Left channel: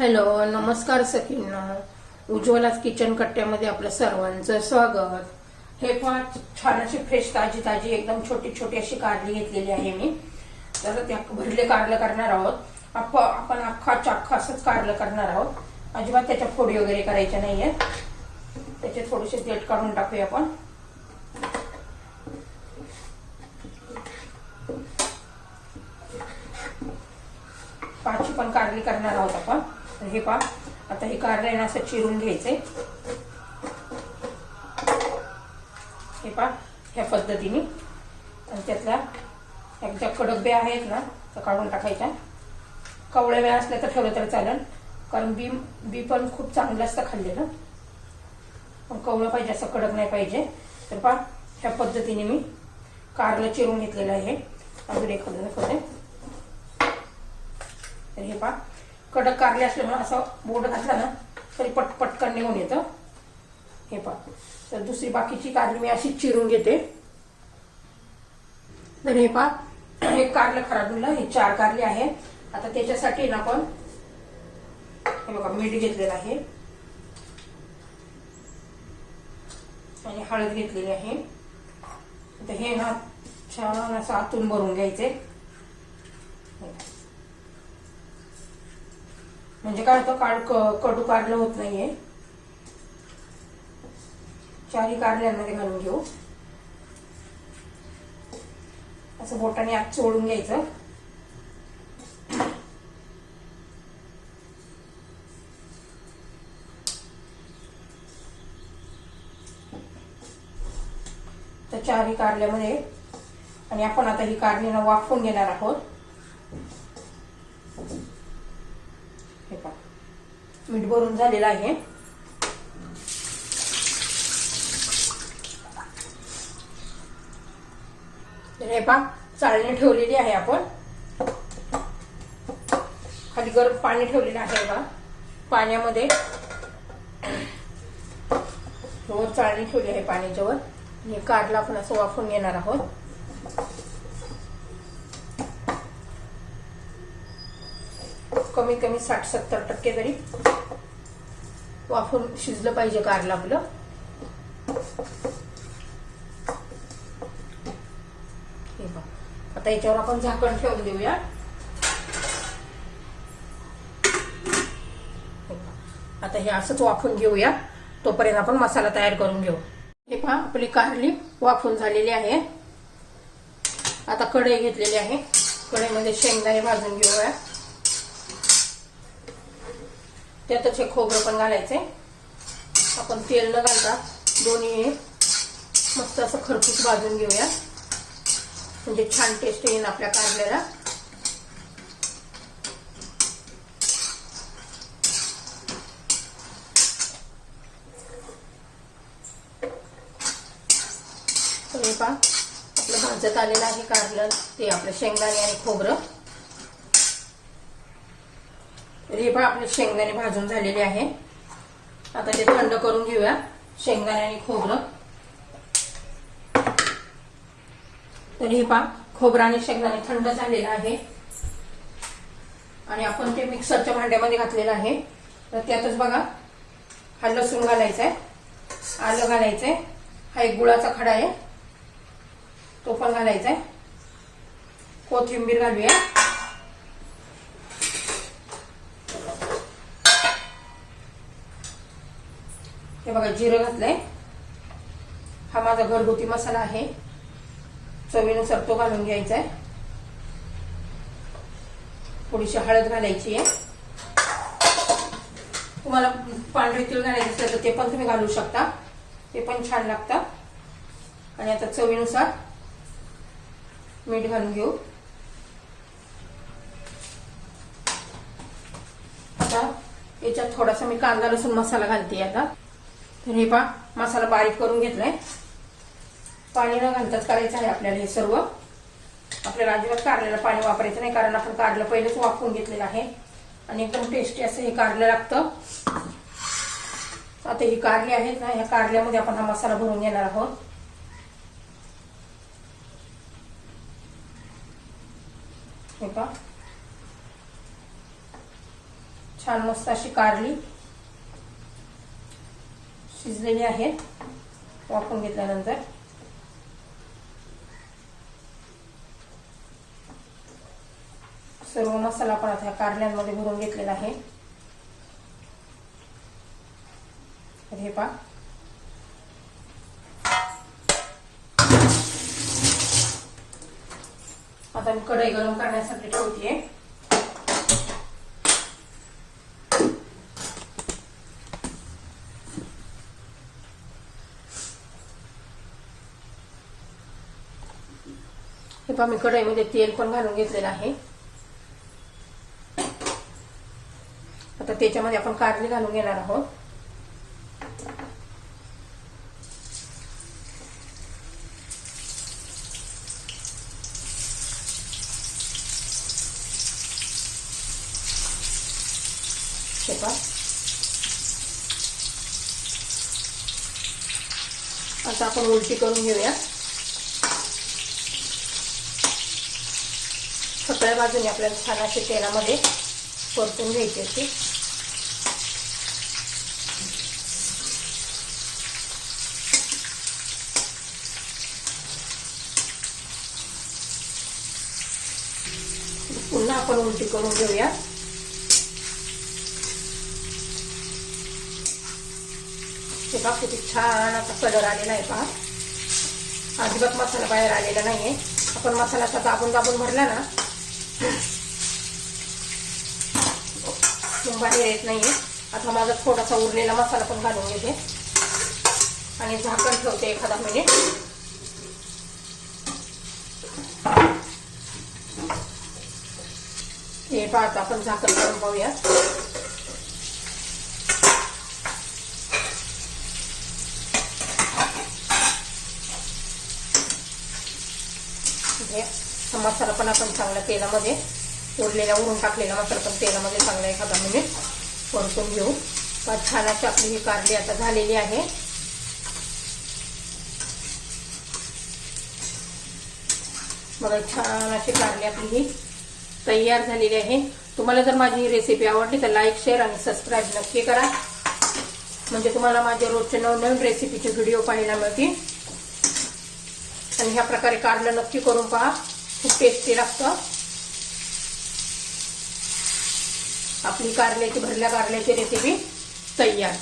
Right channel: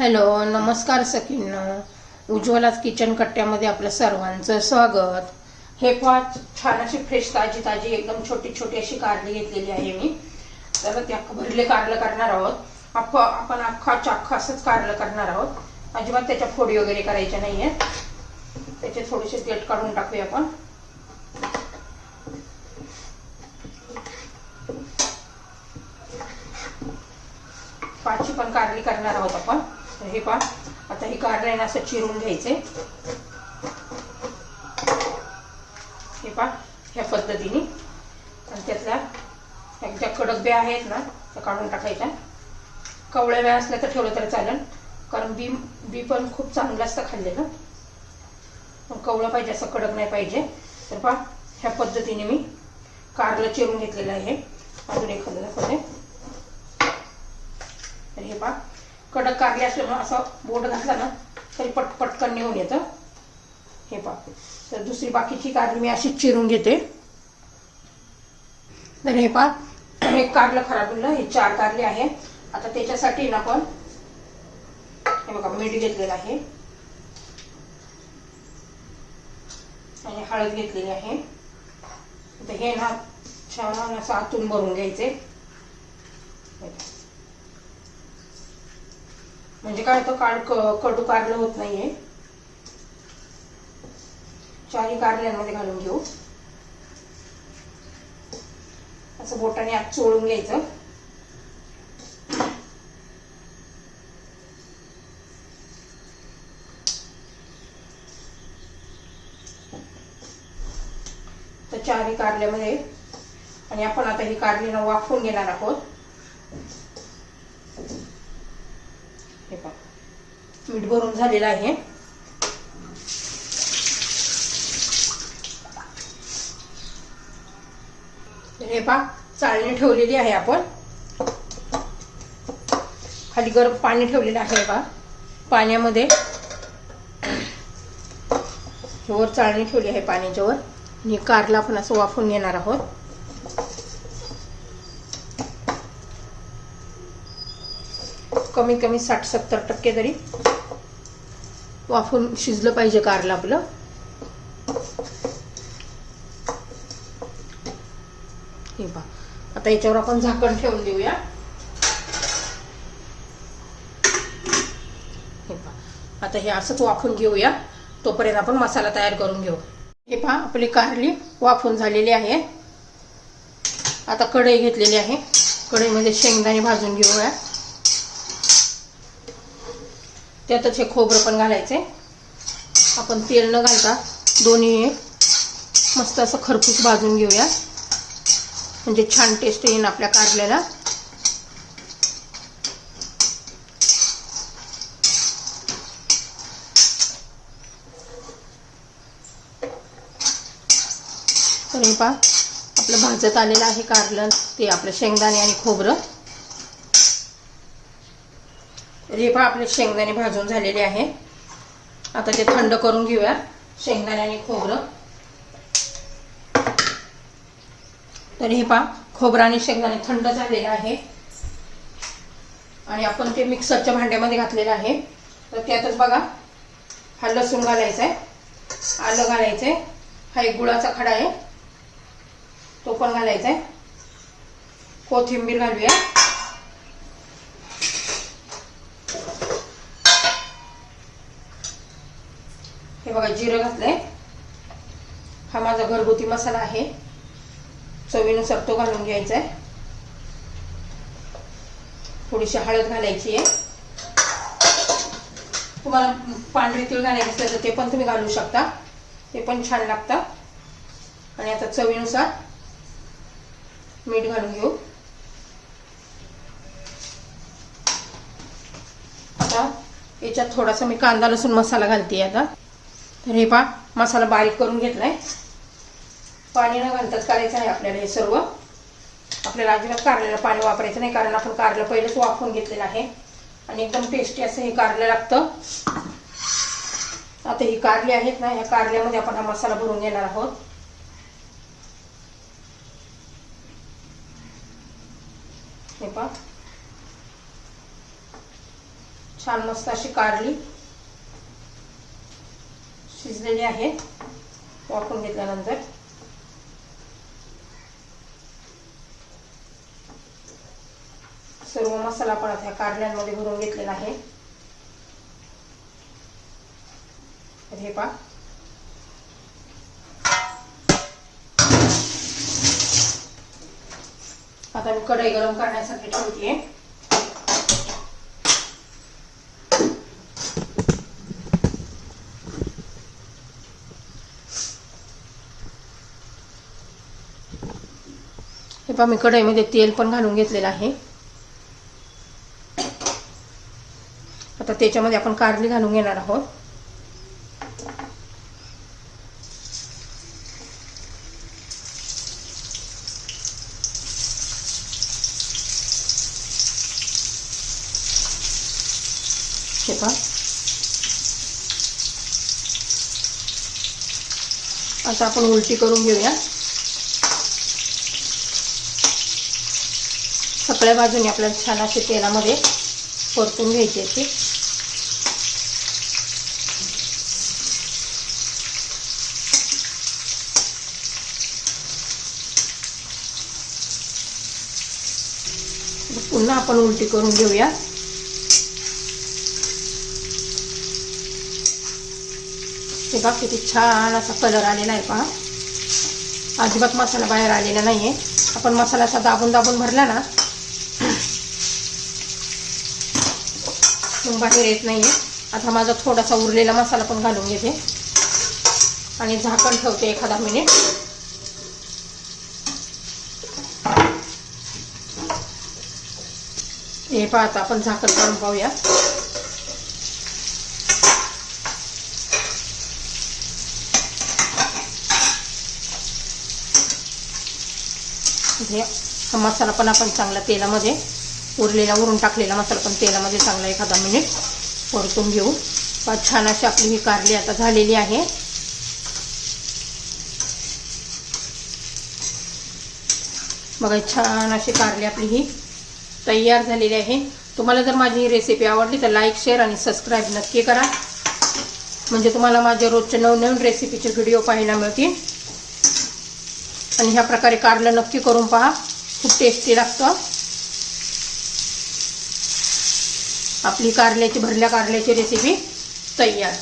Hello नमस्कार सखींना. उज्ज्वलाच kitchen कट्ट्यामध्ये आपलं सर्वांचं स्वागत. हे फार छान अशी फ्रेश ताजी ताजी एकदम छोटी छोटी अशी कारली घेतलेली आहे मी. तर त्या भरले कारलं करणार आहोत. आप आपण अख्खा चाख्खा असंच कारलं करणार आहोत. अजिबात त्याच्या फोडी वगैरे करायच्या नाही आहेत त्याचे थोडेसे देठ काढून टाकूया आपण. पाची पण कारली करणार आहोत आपण. तर हे पा आता हे कारलं आहे ना असं चिरून घ्यायचंय. हे पा ह्या पद्धतीने. आणि त्यातल्या ह्या ज्या कडक ब्या आहेत ना त्या काढून टाकायच्या. कवळ्या ब्या असल्या तर ठेवलं तर चालेल. कारण बी बी पण खूप चांगलं असतं खाल्लेलं. पण कवळं पाहिजे असं कडक नाही पाहिजे. तर पा ह्या पद्धतीने मी कारलं चिरून घेतलेलं आहे. अजून एखादं दाखवते तर हे पा कडक कारले असल्यामुळे असं बोट घातला ना तरी पटपटकन निघून येतं. हे पा तर दुसरी बाकीची कारली मी अशीच चिरून घेते. तर हे पा हे कारलं खराब होईल हे चार कारले आहे. आता त्याच्यासाठी ना आपण हे बघा मीठ घेतलेलं आहे. आणि हळद घेतलेली आहे. तर हे ना छान असं आतून भरून घ्यायचे हे पहा. म्हणजे काय होतं काळ कडू कारलं होत नाहीये. चारी कारल्यांमध्ये घालून घेऊ. असं बोटाने आत चोळून घ्यायचं. तर चारी कारल्यामध्ये. आणि आपण आता ही कारली वाफवून घेणार आहोत. हे पहा. मीठ भरून झालेलं आहे. हे पहा चाळणी ठेवलेली आहे आपण. खाली गरम पाणी ठेवलेलं आहे पहा पाण्यामध्ये. वर चाळणी ठेवली आहे पाण्याच्यावर. आणि कारला आपण असं वाफून घेणार आहोत. कमीत कमी साठ सत्तर टक्के तरी वाफून शिजलं पाहिजे कारलं आपलं. हे बा आता याच्यावर आपण झाकण ठेवून देऊया. आता हे असंच वाफून घेऊया. तोपर्यंत आपण मसाला तयार करून घेऊ. हे पहा आपली कारली वाफून झालेली आहे. आता कढई घेतलेली आहे. कढईमध्ये शेंगदाणे भाजून घेऊया. त्यातच हे खोबरं पण घालायचे. आपण तेल न घालता दोन्ही मस्त असं खरपूस भाजून घेऊया. म्हणजे छान टेस्ट येईन आपल्या कारल्याला. तर हे पहा आपलं भाजत आलेलं आहे कारलं ते आपलं शेंगदाणे आणि खोबरं. हे पहा आपले शेंगदाणे भाजून झालेले आहे. आता ते थंड करून घेऊया शेंगदाणे आणि खोबरं. तर हे पहा खोबरं आणि शेंगदाणे थंड झालेलं आहे. आणि आपण ते मिक्सरच्या भांड्यामध्ये घातलेलं आहे. तर त्यातच बघा हा लसूण घालायचा आहे आलं घालायचं आहे. हा एक गुळाचा खडा आहे तो पण घालायचा आहे. कोथिंबीर घालूया. हे बघा जिरं घातलंय. हा माझा घरगुती मसाला आहे. चवीनुसार तो घालून घ्यायचा आहे थोडीशी हळद घालायची आहे. तुम्हाला पांढरे तीळ घालायचे असेल तर ते पण तुम्ही घालू शकता. ते पण छान लागतात आणि आता चवीनुसार मीठ घालून घेऊ. आता याच्यात थोडासा मी कांदा लसूण मसाला घालते आता. तर हे पा मसाला बारीक करून घेतलाय. पाणी न घालताच करायचं आहे आपल्याला हे सर्व. आपल्याला अजिबात कारल्याला पाणी वापरायचं नाही कारण आपण कारलं पहिलेच वापरून घेतलेलं आहे. आणि एकदम टेस्टी असं हे कारलं लागतं. आता ही कारली आहेत ना ह्या कारल्यामध्ये आपण हा मसाला भरून घेणार आहोत. हे पा छान मस्त अशी कारली. शिजलेली आहे. वापरून घेतल्यानंतर. सर्व मसाला पण आता ह्या कारल्यांमध्ये भरून घेतलेला आहे. हे पा आता मी कढई गरम करण्यासाठी ठेवते हे पहा मी कढईमध्ये तेल पण घालून घेतलेलं आहे. आता त्याच्यामध्ये आपण कारली घालून घेणार आहोत. हे पहा. आता आपण उलटी करून घेऊया. सगळ्या बाजूने आपल्याला छान असे तेलामध्ये परतून घ्यायची ती. पुन्हा आपण उलटी करून घेऊया. हे बघ किती छान असा कलर आलेला आहे पहा. अजिबात मसाला बाहेर आलेला नाहीये. आपण मसाला असा दाबून दाबून भरला ना बाहेर येत नाहीये. आता माझा थोडासा उरलेला मसाला पण घालून घेते. आणि झाकण ठेवते एखादा मिनिट हे पाहता आपण झाकण काढून पाहूया. हा मसाला पण आपण चांगला तेलामध्ये उरलेला उरून टाकलेला मसाला पण तेलामध्ये चांगला एखादा मिनिट परतून घेऊ. छान अशी आपली ही कारली आता झालेली आहे. बघा छान अशी कारली आपली ही तयार झालेली आहे. तुम्हाला जर माझी ही रेसिपी आवडली तर लाईक शेअर आणि सबस्क्राईब नक्की करा. म्हणजे तुम्हाला माझे रोजच्या नवनवीन रेसिपीचे व्हिडिओ पाहायला मिळतील. आणि ह्या प्रकारे कारलं नक्की करून पहा. खूप टेस्टी लागतं. आपली कारल्याची भरल्या कारल्याची रेसिपी तयार.